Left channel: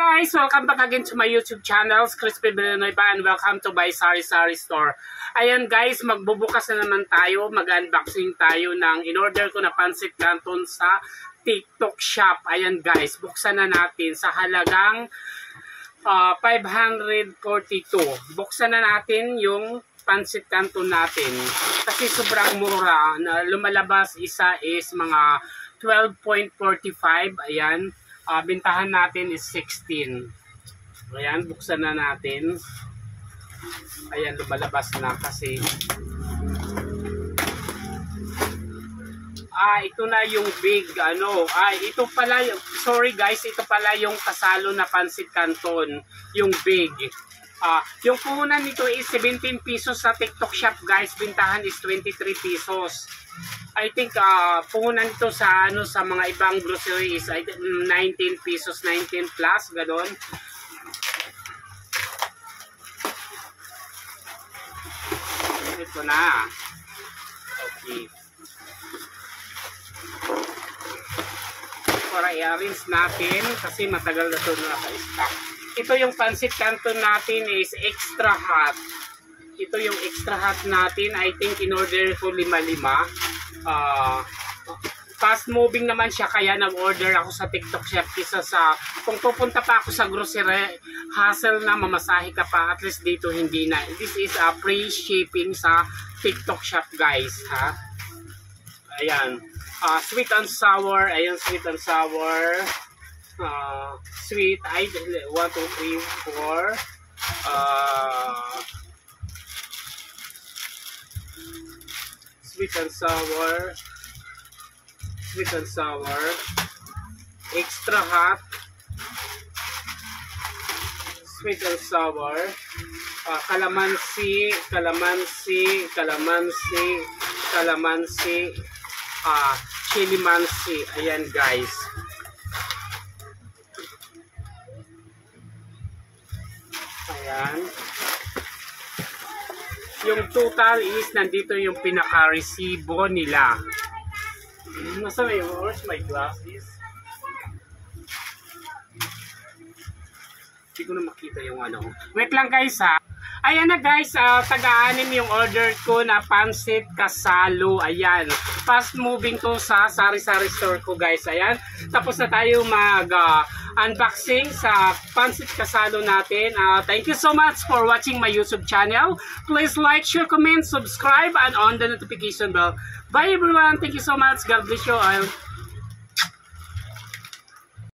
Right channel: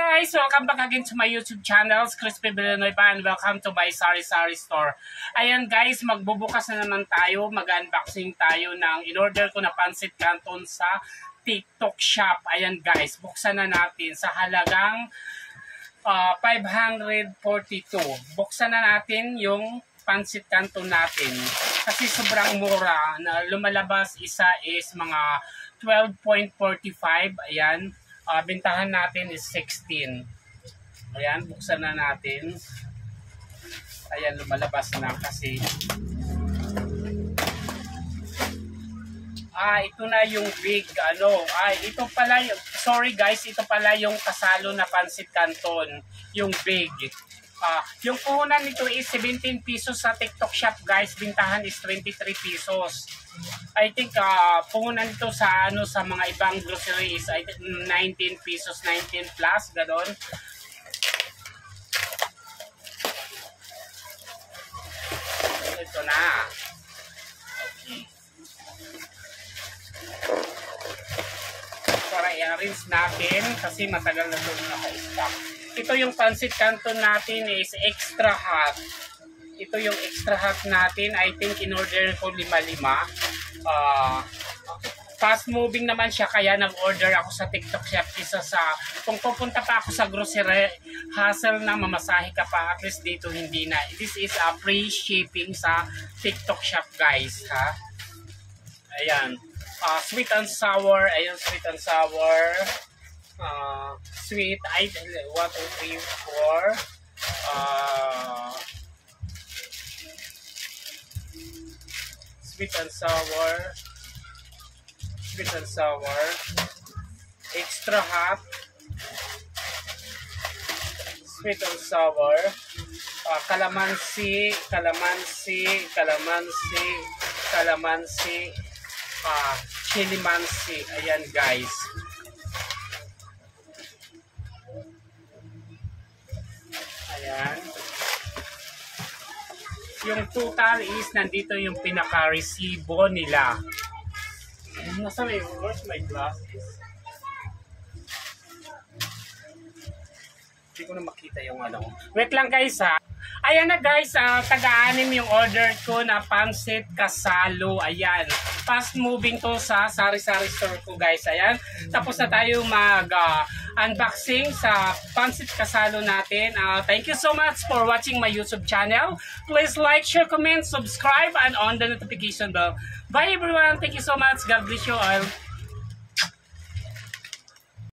Guys, welcome back again to my YouTube channel, Crispy Villanueva, and welcome to my Sari Sari store. Ayan guys, magbubukas na naman tayo, mag-unboxing tayo ng in-order ko na pancit canton sa TikTok shop. Ayan guys, buksan na natin sa halagang 542. Buksan na natin yung pancit canton natin kasi sobrang mura. Na lumalabas isa is mga 12.45. Ayan. Bintahan natin is 16. Ayan, buksan na natin. Ayan, lumalabas na kasi. Ito na yung big, ito pala, sorry guys, ito pala yung kasalo na pancit canton, yung big. Yung puhunan nito is 17 pesos sa TikTok shop guys, bintahan is 23 pesos. I think puhunan ito sa sa mga ibang grocery is 19 pesos, 19 plus, gano'n. Ito na. Okay. Para i-arrange natin kasi matagal na ito naka-stock. Ito yung pancit canton natin is extra hot. Ito yung extra hot natin. I think in order ko 5-5. Fast moving naman siya kaya nag-order ako sa TikTok shop kisa sa kung pupunta pa ako sa grocery hassle na mamasahe ka pa, at least dito hindi na. This is a free shipping sa TikTok shop guys, ha. Ayan, sweet and sour. Ayan, sweet and sour. Sweet, 1, 2, 3, 4. Sweet and sour, sweet and sour, extra hot, sweet and sour, calamansi, calamansi, calamansi, calamansi, chili mansi. Ayan guys. Ayan. Yung total is nandito yung pinaka-resibo nila. Nasa may, where's my glasses? Hindi ko na makita yung Wait lang guys ha. Ayan na guys, taga-anim yung order ko na pancit kasalo. Ayan. Fast moving to sa Sari Sari store ko guys. Ayan. Tapos na tayo unboxing sa pancit kasalo natin. Thank you so much for watching my YouTube channel. Please like, share, comment, subscribe, and on the notification bell. Bye everyone. Thank you so much. God bless you all.